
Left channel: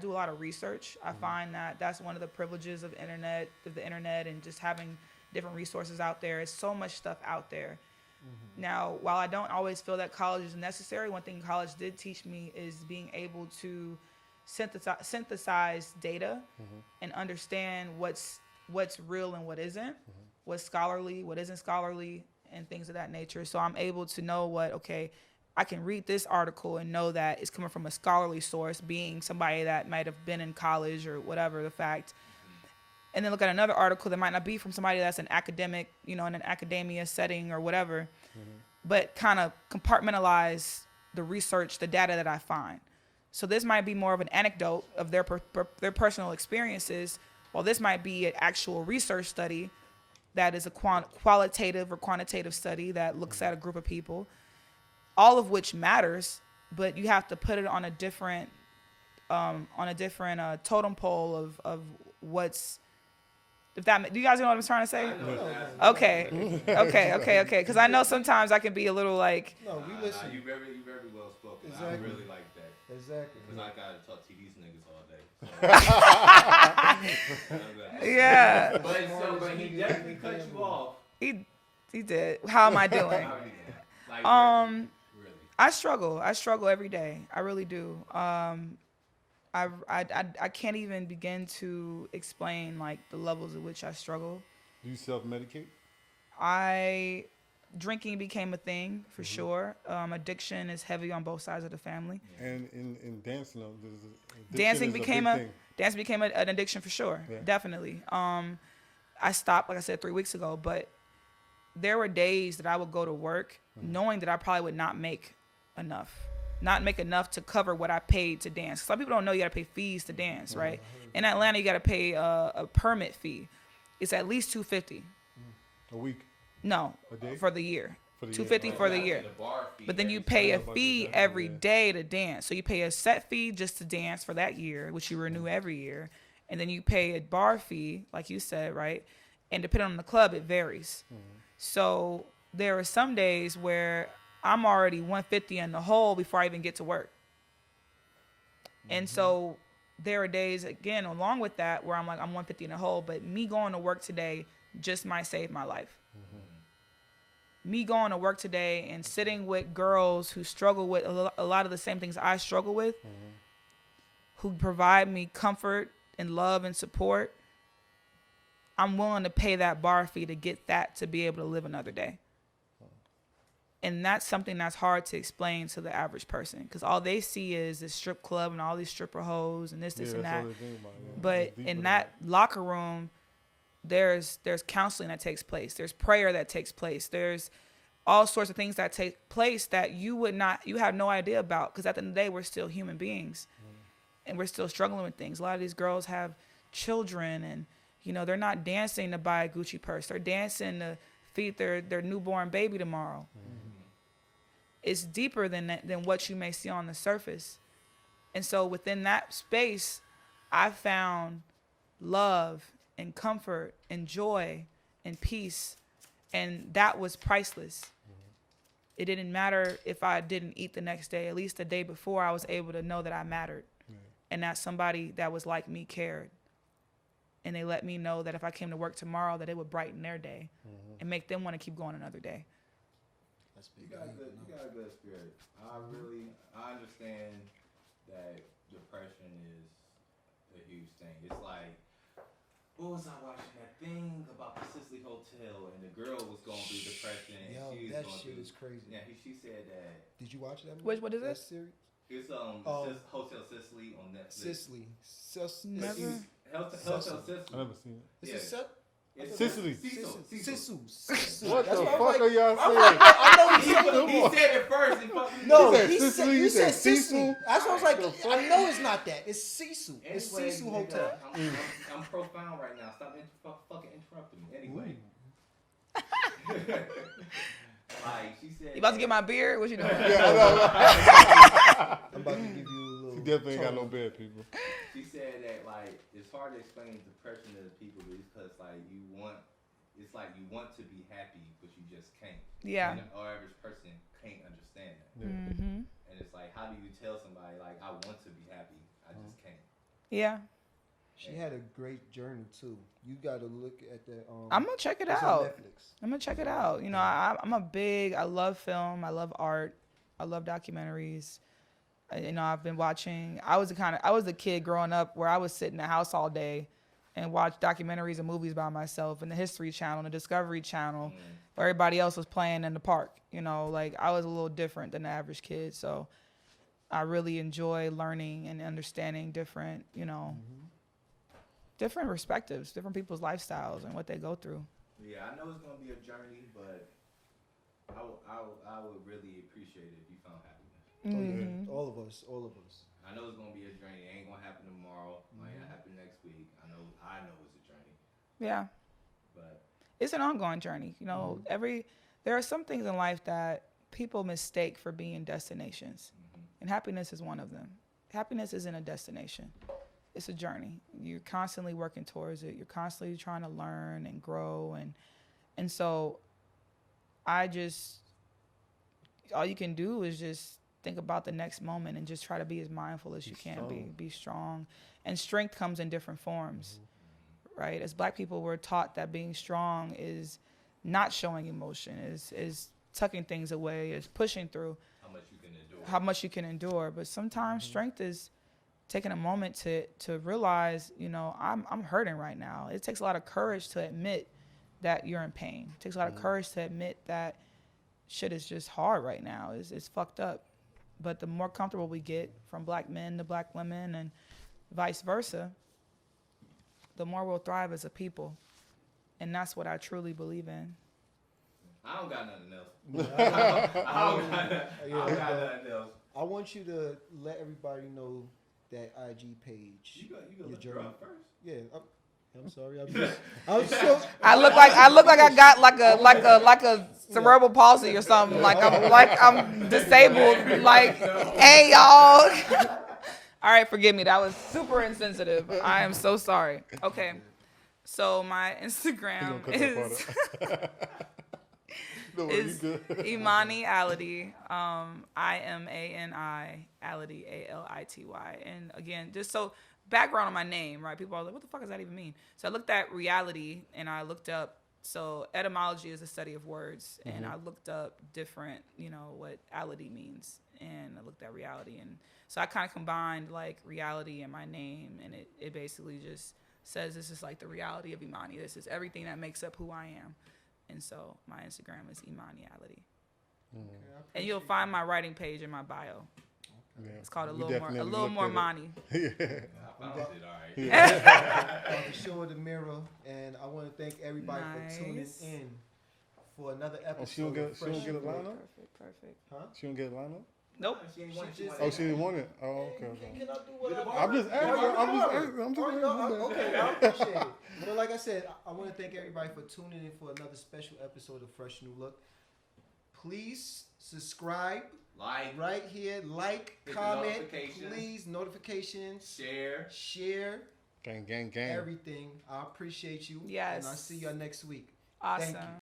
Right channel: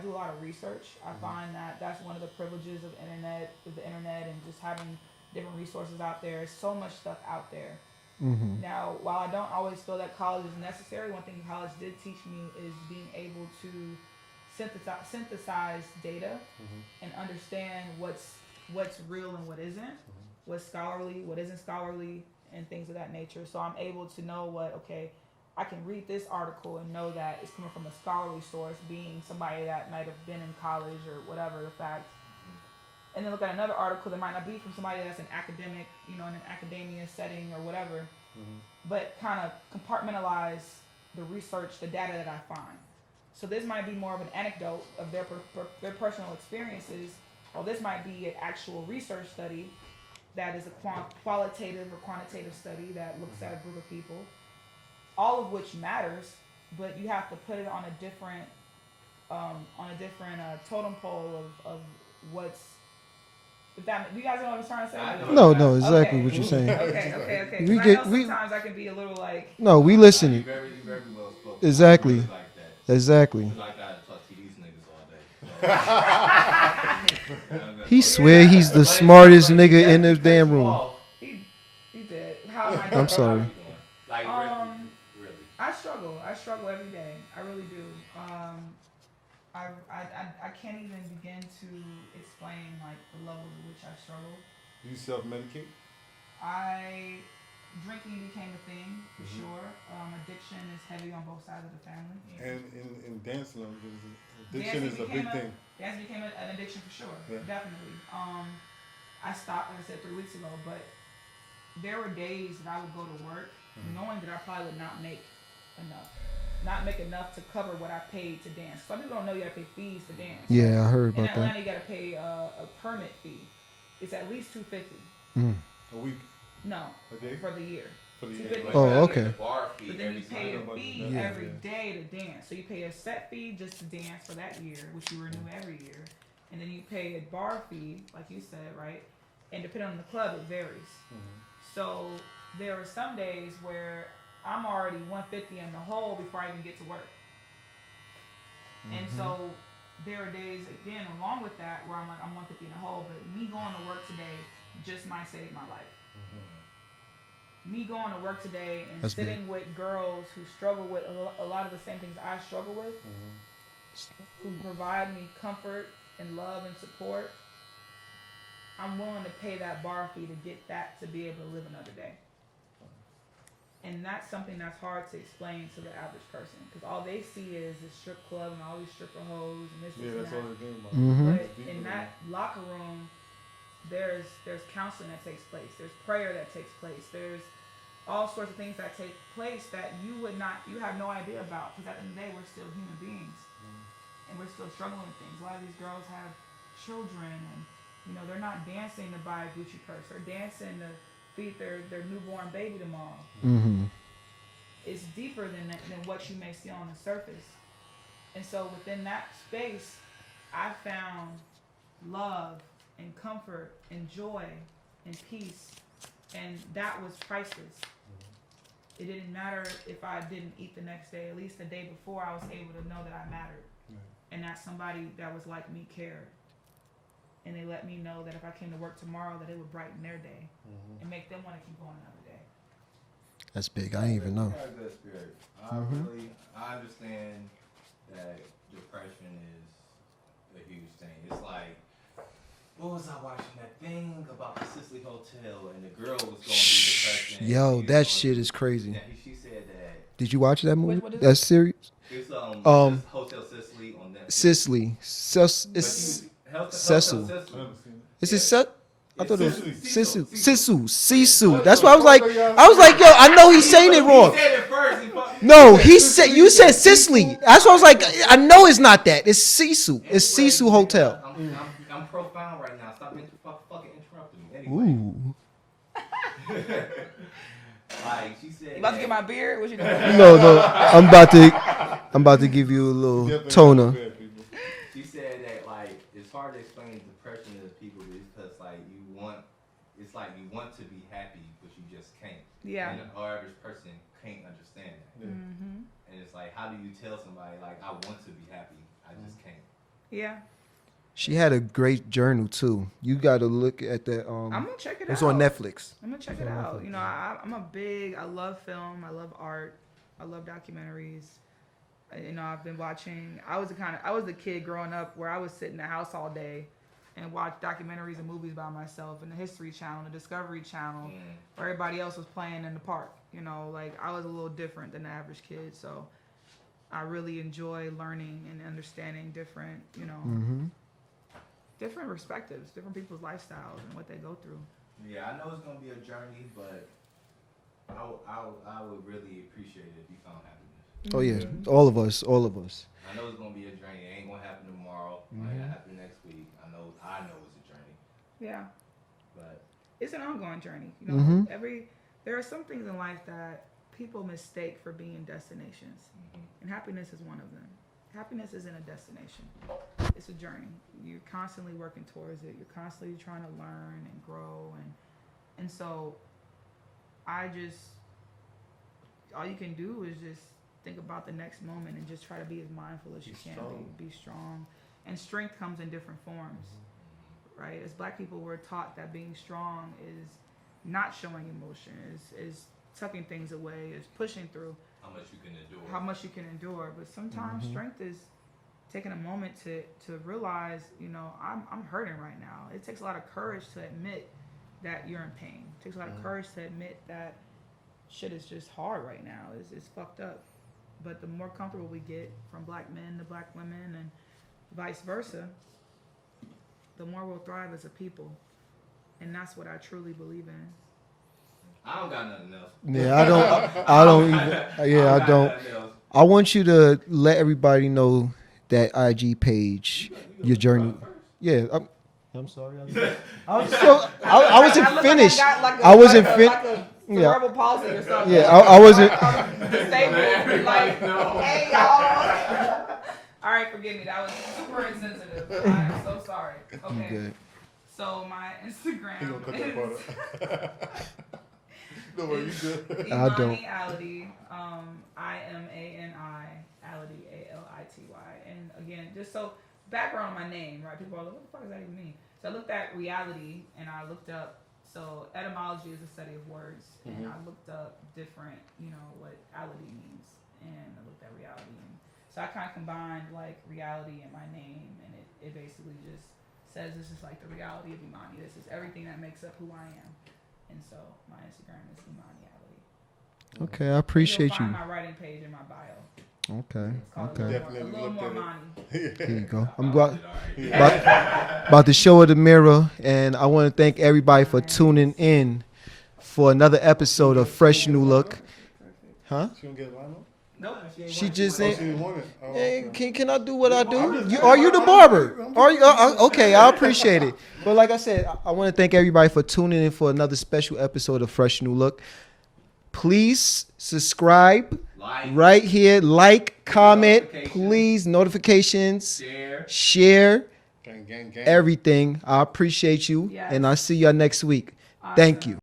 do a lot of research. I find that that's one of the privileges of the internet and just having different resources out there. There's so much stuff out there. Now, while I don't always feel that college is necessary, one thing college did teach me is being able to synthesize data and understand what's real and what isn't, what's scholarly, what isn't scholarly, and things of that nature. So I'm able to know I can read this article and know that it's coming from a scholarly source, being somebody that might have been in college or whatever the fact. And then look at another article that might not be from somebody that's an academic, in an academia setting or whatever, but kind of compartmentalize the research, the data that I find. So this might be more of an anecdote of their personal experiences, while this might be an actual research study that is a qualitative or quantitative study that looks at a group of people, all of which matters, but you have to put it on a different totem pole of what's. Do you guys know what I'm trying to say? No, exactly what you're saying. Okay. Because I know sometimes I can be a little like. No, we listen. You very well spoken. Exactly. I really like that. Exactly. I gotta talk to these niggas all day. He swear he's the smartest nigga in the damn room. He did. How am I doing? I'm sorry. Really. I struggle every day. I really do. I can't even begin to explain like the levels at which I struggle. Do you self-medicate? Drinking became a thing for sure. Addiction is heavy on both sides of the family. And in dancing, dancing became a big thing. Dancing became an addiction for sure. Yeah. Definitely. I stopped, like I said, 3 weeks ago, but there were days that I would go to work knowing that I probably would not make enough to cover what I paid to dance. Some people don't know you gotta pay fees to dance. Yeah, right? I heard about in Atlanta, that. you gotta pay a permit fee. It's at least $250. A week? No, a day? For the year. For the $250 year. for the okay. year. But then you pay a fee every day to dance. So you pay a set fee just to dance for that year, which you renew every year. and then you pay a bar fee, like you said, right? And depending on the club, it varies. So there are some days where I'm already 150 in the hole before I even get to work. And so there are days, again, along with that, where I'm like, I'm 150 in the hole, but me going to work today just might save my life. Me going to work today and sitting with girls who struggle with a lot of the same things I struggle with, who provide me comfort and love and support, I'm willing to pay that bar fee to get that, to be able to live another day. And that's something that's hard to explain to the average person, because all they see is this strip club and all these stripper hoes and this and that. But in that locker room, there's counseling that takes place. There's prayer that takes place. There's all sorts of things that take place that you have no idea about, because at the end of the day, we're still human beings, and we're still struggling with things. A lot of these girls have children, and they're not dancing to buy a Gucci purse. They're dancing to feed their newborn baby tomorrow. It's deeper than what you may see on the surface. And so within that space, I found love and comfort and joy and peace, and that was priceless. It didn't matter if I didn't eat the next day. At least the day before, I was able to know that I mattered, and that somebody that was like me cared. And they let me know that if I came to work tomorrow, that it would brighten their day and make them want to keep going another day. That's big. I didn't even know. You got a good spirit. I understand that depression is a huge thing. It's like, what was I watching that thing about the Sicily Hotel, and the girl was going to be depressed. Yo, that shit is crazy. Yeah, she said that. Did you watch that movie? What is That's serious? It's Hotel Sicily on Netflix. Sicily. Cecil. I never seen it. Is it Set? I thought it was Sicily. Sisu. That's why I was like, yo, I know he's saying it wrong. He said it first. No, he said, you said Sicily. That's why I was like, I know it's not that. It's Sisu. It's Sisu Hotel. I'm profound right now. Stop fucking interrupting me. Anyway. Ooh. Like she said. You about to get my beard? What you doing? No. I'm about to give you a little toner. She said that like it's hard to explain depression to people because it's like you want to be happy but you just can't. Yeah. And the average person can't understand that. And it's like, how do you tell somebody like I want to be happy, I just can't? Yeah. She had a great journal too. You got to look at that. I'm gonna check it out. It's on Netflix. I'm gonna check it out. I love film. I love art. I love documentaries. I've been watching. I was the kid growing up where I would sit in the house all day and watch documentaries and movies by myself, and the History Channel, the Discovery Channel, where everybody else was playing in the park. Like I was a little different than the average kid, so I really enjoy learning and understanding different, different perspectives, different people's lifestyles and what they go through. Yeah, I know it's gonna be a journey, but I would really appreciate it if you found happiness. Oh yeah, all of us. I know it's gonna be a journey. It ain't gonna happen tomorrow. It might not happen next week. I know it's a journey. Yeah, but it's an ongoing journey. There are some things in life that people mistake for being destinations, and happiness is one of them. Happiness isn't a destination; it's a journey. You're constantly working towards it. You're constantly trying to learn and grow, and so all you can do is just think about the next moment and just try to be as mindful as you can be strong. And strength comes in different forms, right? As Black people, we're taught that being strong is not showing emotion, is tucking things away, is pushing through. How much you can endure. But sometimes strength is taking a moment to realize, I'm hurting right now. It takes a lot of courage to admit that you're in pain. It takes a lot of courage to admit that shit is just hard right now. It's fucked up. But the more comfortable we get, from Black men to Black women and vice versa, the more we'll thrive as a people. And that's what I truly believe in. I don't got nothing else. Yeah, I don't. I want you to let everybody know that IG page, your journey. Yeah, I'm sorry. I look like I got a cerebral palsy or something. Yeah, like I'm disabled. Like, hey y'all. All right, forgive me. That was super insensitive. I am so sorry. Okay. So my Instagram is no worry, you good. Imani Ality. IMANI Ality ALITY. And again, just so background on my name, right? People are like, what the fuck does that even mean? So I looked at reality and I looked up. So etymology is the study of words, and I looked up different, what ality means, and I looked at reality, and so I kind of combined like reality and my name, and it basically just says this is like the reality of Imani. This is everything that makes up who I am, and so my Instagram is Imani Ality. Okay, I appreciate you'll find my writing page in my bio. Okay. It's called a little more Imani. There you go. I'm about to show her the mirror, and I want to thank everybody for tuning in for another episode of Fresh New Look. Huh? She don't get a lineup? No, she just said. Oh, she didn't want it. Oh, okay. Can I do what I do? Are you the barber? Are you? Okay, I appreciate it. But like I said, I want to thank everybody for tuning in for another special episode of Fresh New Look. Please subscribe right here. Like, comment, please. Notifications. Share. Gang. Everything. I appreciate you. Yes. And I'll see y'all next week. Awesome. Thank you.